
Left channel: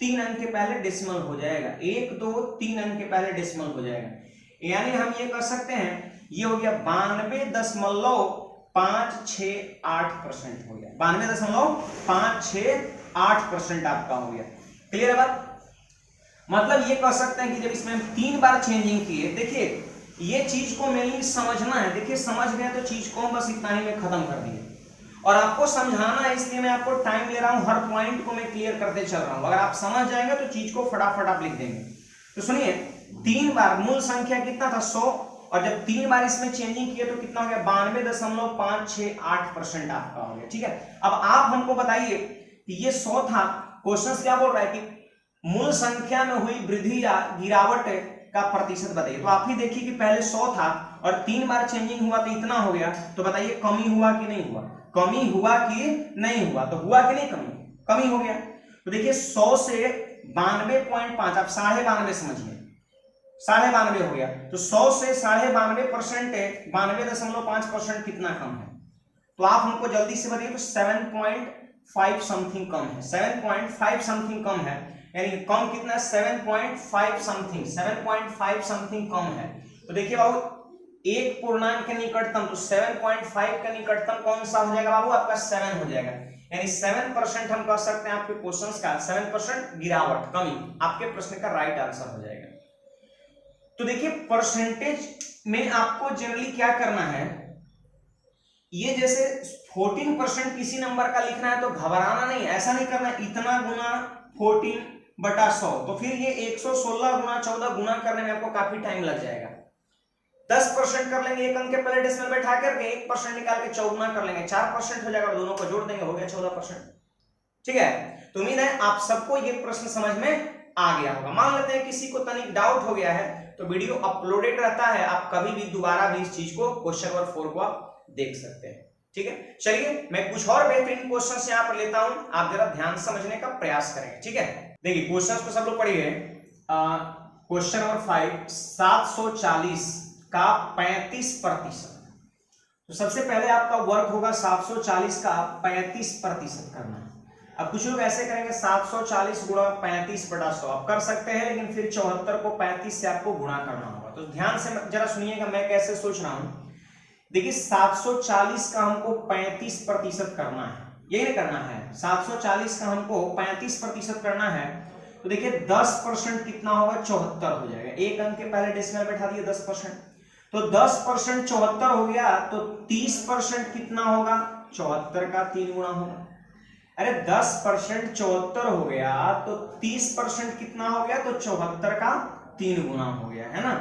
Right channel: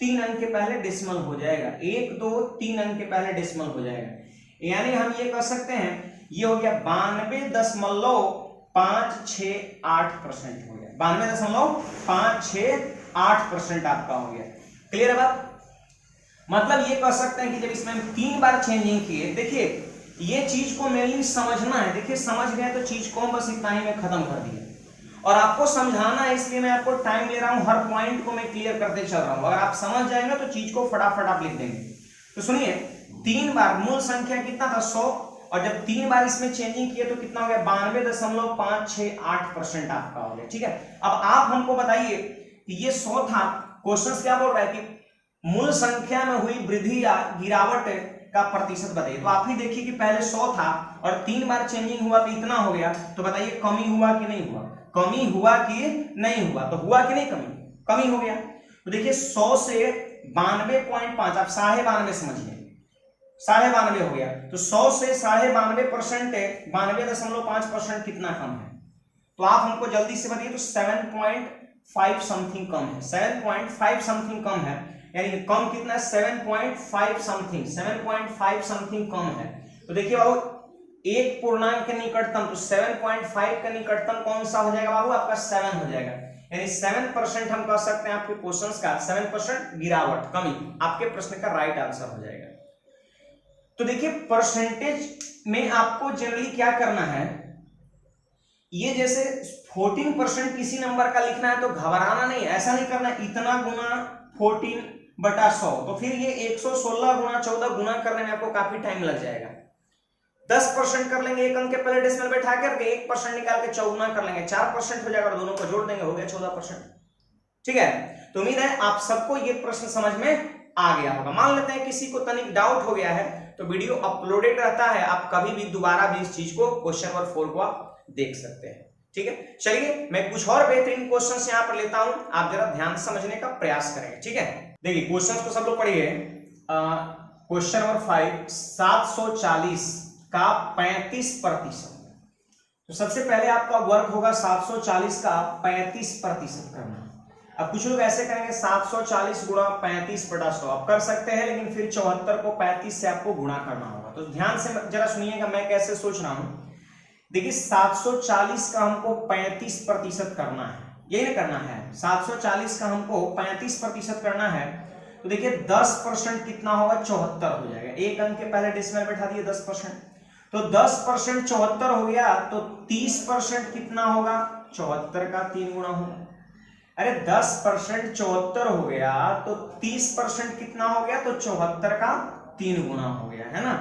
3 अंक के पहले डेसिमल हो जाएगा, 1 2 3 अंक के पहले डेसिमल हो जाएगा, यानी हम ये कह सकते हैं ये हो गया 92.568% हो गया, 92.568% आपका हो गया। क्लियर है बात, मतलब ये कह सकते हैं कि जब इसमें हम 3 बार चेंजिंग किए, देखिए ये चीज को मेनली समझना है, देखिए समझ गए तो चीज को बस इतना ही में खत्म कर दिया, और आपको समझाना है इसलिए मैं आपको टाइम ले रहा हूं, हर पॉइंट को मैं क्लियर करते चल रहा हूं, अगर आप समझ जाएंगे तो चीज को फटाफट आप लिख देंगे। तो सुनिए, 3 बार मूल संख्या कितना था 100, और जब 3 बार इसमें चेंजिंग किए तो कितना हो गया 92.568% आपका हो गया, ठीक है। अब आप हमको बताइए कि ये 100 था, क्वेश्चन क्या बोल रहा है कि मूल संख्या में हुई वृद्धि या गिरावट का प्रतिशत बताइए। तो आप ही देखिए कि पहले 100 था और 3 बार चेंजिंग हुआ तो इतना हो गया, तो बताइए कमी हुआ कि नहीं हुआ, कमी हुआ कि नहीं हुआ, तो हुआ कि नहीं कमी, कमी हो गया। तो देखिए 100 से 92.5, आप 92.5 समझिए, 92.5 हो गया, तो 100 से 92.5%, 92.5% कितना कम है, तो आप हमको जल्दी से बताइए। तो 7.5 समथिंग कम है, 7.5 समथिंग कम है, यानी कम कितना है 7.5 समथिंग, 7.5 समथिंग कम है। तो देखिए बाबू, एक पूर्णांक के निकटतम, तो 7.5 का निकटतम कौन सा हो जाएगा बाबू, आपका 7 हो जाएगा, यानी 7% हम कह सकते हैं आपके क्वेश्चंस का 7% गिरावट, कमी, आपके प्रश्न का राइट आंसर हो जाएगा। तो देखिए परसेंटेज में आपको जनरली क्या करना है, ये जैसे 14% किसी नंबर का लिखना है तो घबराना नहीं, ऐसा नहीं करना इतना गुना 14/100, तो फिर ये 116 गुना 14 गुना करने में आपको काफी टाइम लग जाएगा। 10% कर लेंगे, एक अंक के पहले डेसिमल बैठा करके 1% निकाल के चौगुना कर लेंगे, 4% हो जाएगा, दोनों को जोड़ देंगे, हो गया 14%, ठीक है। तो उम्मीद है आप सबको ये प्रश्न समझ में आ गया होगा। मान लेते हैं किसी को तनिक डाउट हो गया है तो वीडियो अपलोडेड रहता है, आप कभी भी दोबारा भी इस चीज को क्वेश्चन नंबर 4 को आप देख सकते हैं। ठीक है, चलिए मैं कुछ और बेहतरीन क्वेश्चंस यहाँ पर लेता हूं, आप जरा ध्यान समझने का प्रयास करें। ठीक है, देखिए क्वेश्चंस को सब लोग पढ़िए। क्वेश्चन नंबर 5, 740 का 35%। तो सबसे पहले आपका वर्क होगा 740 का 35% करना है। अब कुछ लोग ऐसे करेंगे 740 गुणा 35/100, आप कर सकते हैं, लेकिन फिर 74 को 35 से आपको गुणा करना होगा। तो ध्यान से जरा सुनिएगा मैं कैसे सोच रहा हूं। देखिए 740 का हमको 35% करना है, यही नहीं करना है, 740 का हमको 35% करना है। तो देखिए 10% कितना होगा, 74 हो जाएगा। एक अंक के पहले डेसिमल बैठा दिए 10%, तो 10% 74 हो गया, तो 30% कितना होगा, 74 का 3 गुना होगा। अरे 10% 74 हो गया, तो 30% कितना हो गया, तो 74 का 3 गुना हो गया, है ना।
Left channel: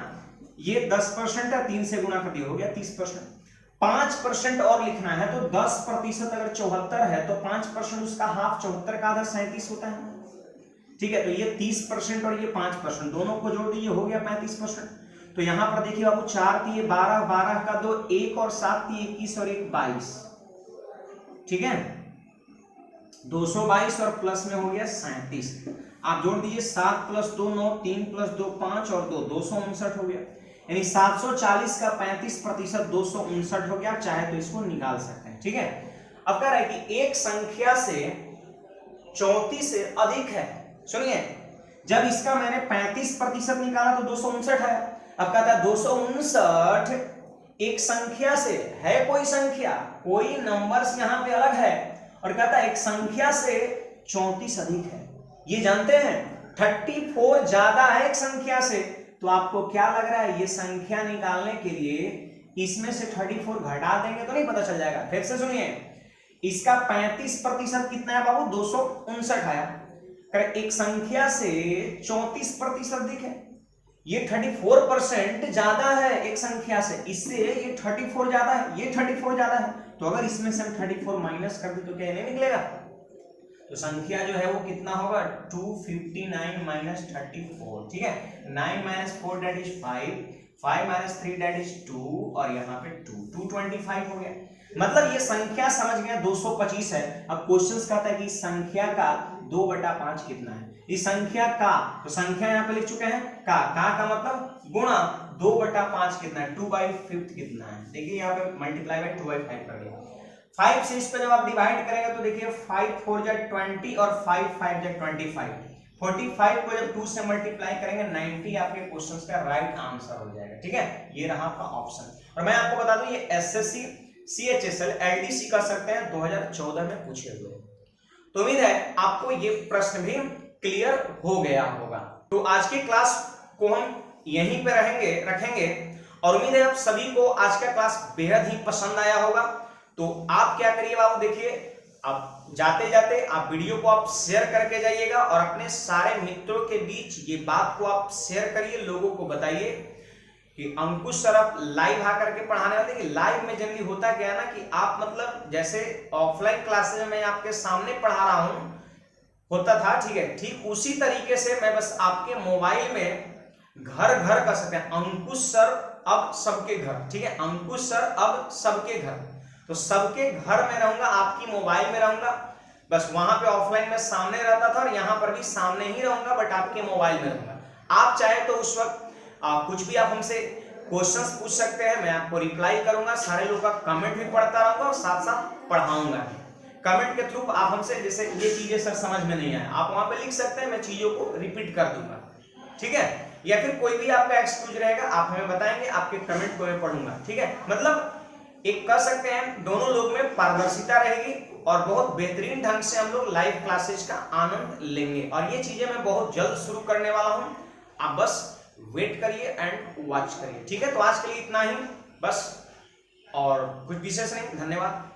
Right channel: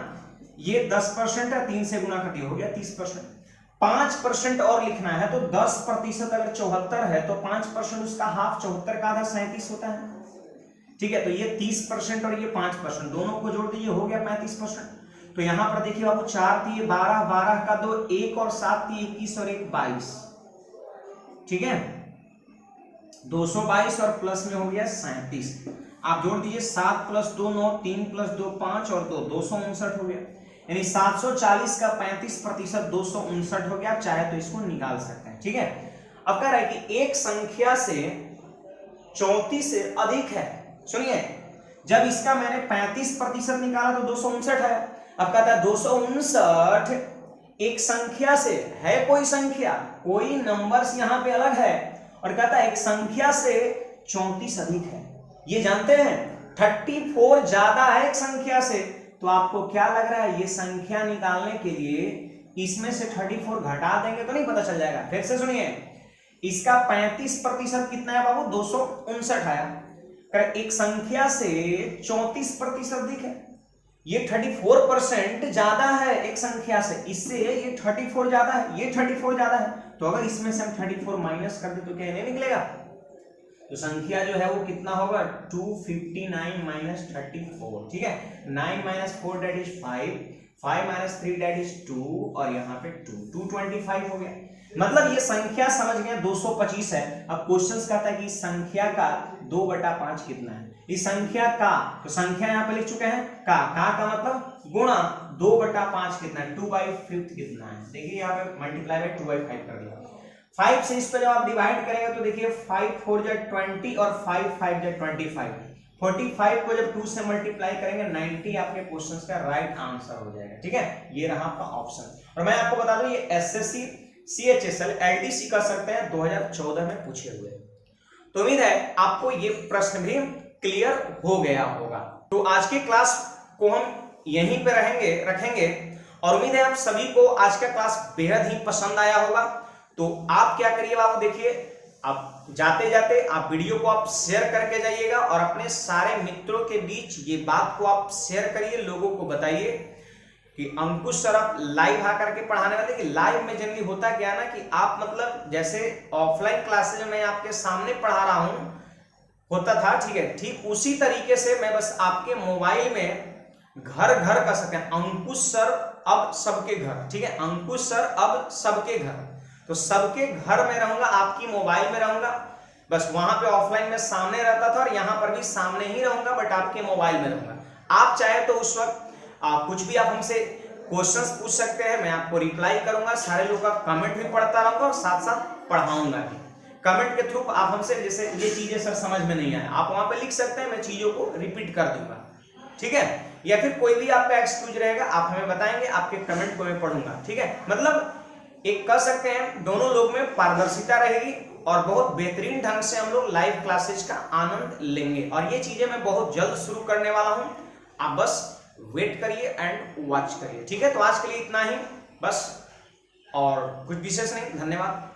ये 10% है, 3 से गुना कर दिया, हो गया 30%। 5% और लिखना है, तो 10% अगर 74 है तो 5% उसका हाफ, 74 का आधा 37 होता है। ठीक है, तो ये 30% और ये 5% दोनों को जोड़ दीजिए, हो गया 35%। तो यहां पर देखिए बाबू 4 दिए 12, 12 का 2 1 और 7 दिए 21 और 1 22। ठीक है, 222 और प्लस में हो गया 37। आप जोड़ दीजिए 7 + 2 9, 3 + 2 5 और 2 259 हो गया। यानी 740 का 35% 259 हो गया। चाहे तो इसको निकाल सकते हैं। ठीक है, अब कह रहा है कि एक संख्या से 34 से अधिक है। सुनिए, जब इसका मैंने 35% निकाला तो 259 है। अब कहता है 259 एक संख्या से है, कोई संख्या, कोई नंबर्स यहां पे अलग है, और कहता है एक संख्या से 34 अधिक है। ये जानते हैं 34 ज्यादा है एक संख्या से। तो आपको क्या लग रहा है, ये संख्या निकालने के लिए इसमें से 34 घटा देंगे तो नहीं पता चल जाएगा। फिर से सुनिए, इसका 35% कितना है बाबू, 259 आया। एक संख्या से 34% अधिक है, ये 34% ज्यादा है एक संख्या से, इससे ये 34 ज्यादा है, ये 34 ज्यादा है। तो अगर इसमें से हम 34 माइनस कर दे तो क्या नहीं निकलेगा। तो संख्या जो है वो कितना होगा, 259 माइनस 34। ठीक है, 9 minus 4 that is 5, 5 minus 3 that is 2, और यहाँ पे 225 हो गया। मतलब ये संख्या समझ गया 225 है। अब क्वेश्चन कहता है कि संख्या का 2/5 कितना है। इस संख्या का, तो संख्या यहाँ पे लिख चुके हैं, का मतलब गुणा 2/5 कितना है, 2/5 कितना है। देखिए यहाँ पे मल्टीप्लाई बाय 2/5 कर दिया। 5 से इस पे जब आप डिवाइड करेंगे तो देखिए 5 4 जा 20 और 5 5 जा 25। 45 को जब 2 से मल्टीप्लाई करेंगे 90 आपके क्वेश्चन का राइट आंसर हो जाएगा। ठीक है, ये रहा आपका ऑप्शन। और मैं आपको बता दूं ये एसएससी सीएचएसएल एलडीसी कर सकते हैं, 2014 में पूछे हुए। तो उम्मीद है आपको ये प्रश्न भी क्लियर हो गया होगा। तो आज की क्लास को हम यहीं पे रखेंगे, और उम्मीद है आप सभी को आज का क्लास बेहद ही पसंद आया होगा। तो आप क्या करिए बाबू, देखिए आप जाते जाते आप वीडियो को आप शेयर करके जाइएगा, और अपने सारे मित्रों के बीच ये बात को आप शेयर करिए, लोगों को बताइए कि अंकुश सर आप लाइव आकर के पढ़ाने वाले। कि लाइव में जनरली होता क्या है ना, कि आप मतलब जैसे ऑफलाइन क्लासेज में आपके सामने पढ़ा रहा हूं होता था, ठीक है, ठीक उसी तरीके से मैं बस आपके मोबाइल में घर घर कर सकते हैं, अंकुश सर अब सबके घर। ठीक है, अंकुश सर अब सबके घर, तो सबके घर में रहूंगा, आपकी मोबाइल में रहूंगा। बस वहां पे ऑफलाइन में सामने रहता था, और यहां पर भी सामने ही रहूंगा, बट आपके मोबाइल में रहूंगा। आप चाहे तो उस वक्त कुछ भी आप हमसे क्वेश्चंस पूछ सकते हैं, मैं आपको रिप्लाई करूंगा। सारे लोगों का कमेंट भी पढ़ता रहूंगा और साथ साथ पढ़ाऊंगा। कमेंट के थ्रू आप हमसे, जैसे ये चीजें सर समझ में नहीं आए, आप वहां पे लिख सकते हैं, मैं चीजों को रिपीट कर दूंगा। ठीक है, या फिर कोई भी आपका एक्सक्यूज रहेगा आप हमें बताएंगे, आपके कमेंट को मैं पढ़ूंगा। ठीक है, मतलब एक कर सकते हैं, दोनों लोग में पारदर्शिता रहेगी, और बहुत बेहतरीन ढंग से हम लोग लाइव क्लासेज का आनंद लेंगे। और ये चीजें मैं बहुत जल्द शुरू करने वाला हूं, आप बस वेट करिए एंड वॉच करिए। ठीक है, तो आज के लिए इतना ही बस, और कुछ विशेष नहीं। धन्यवाद।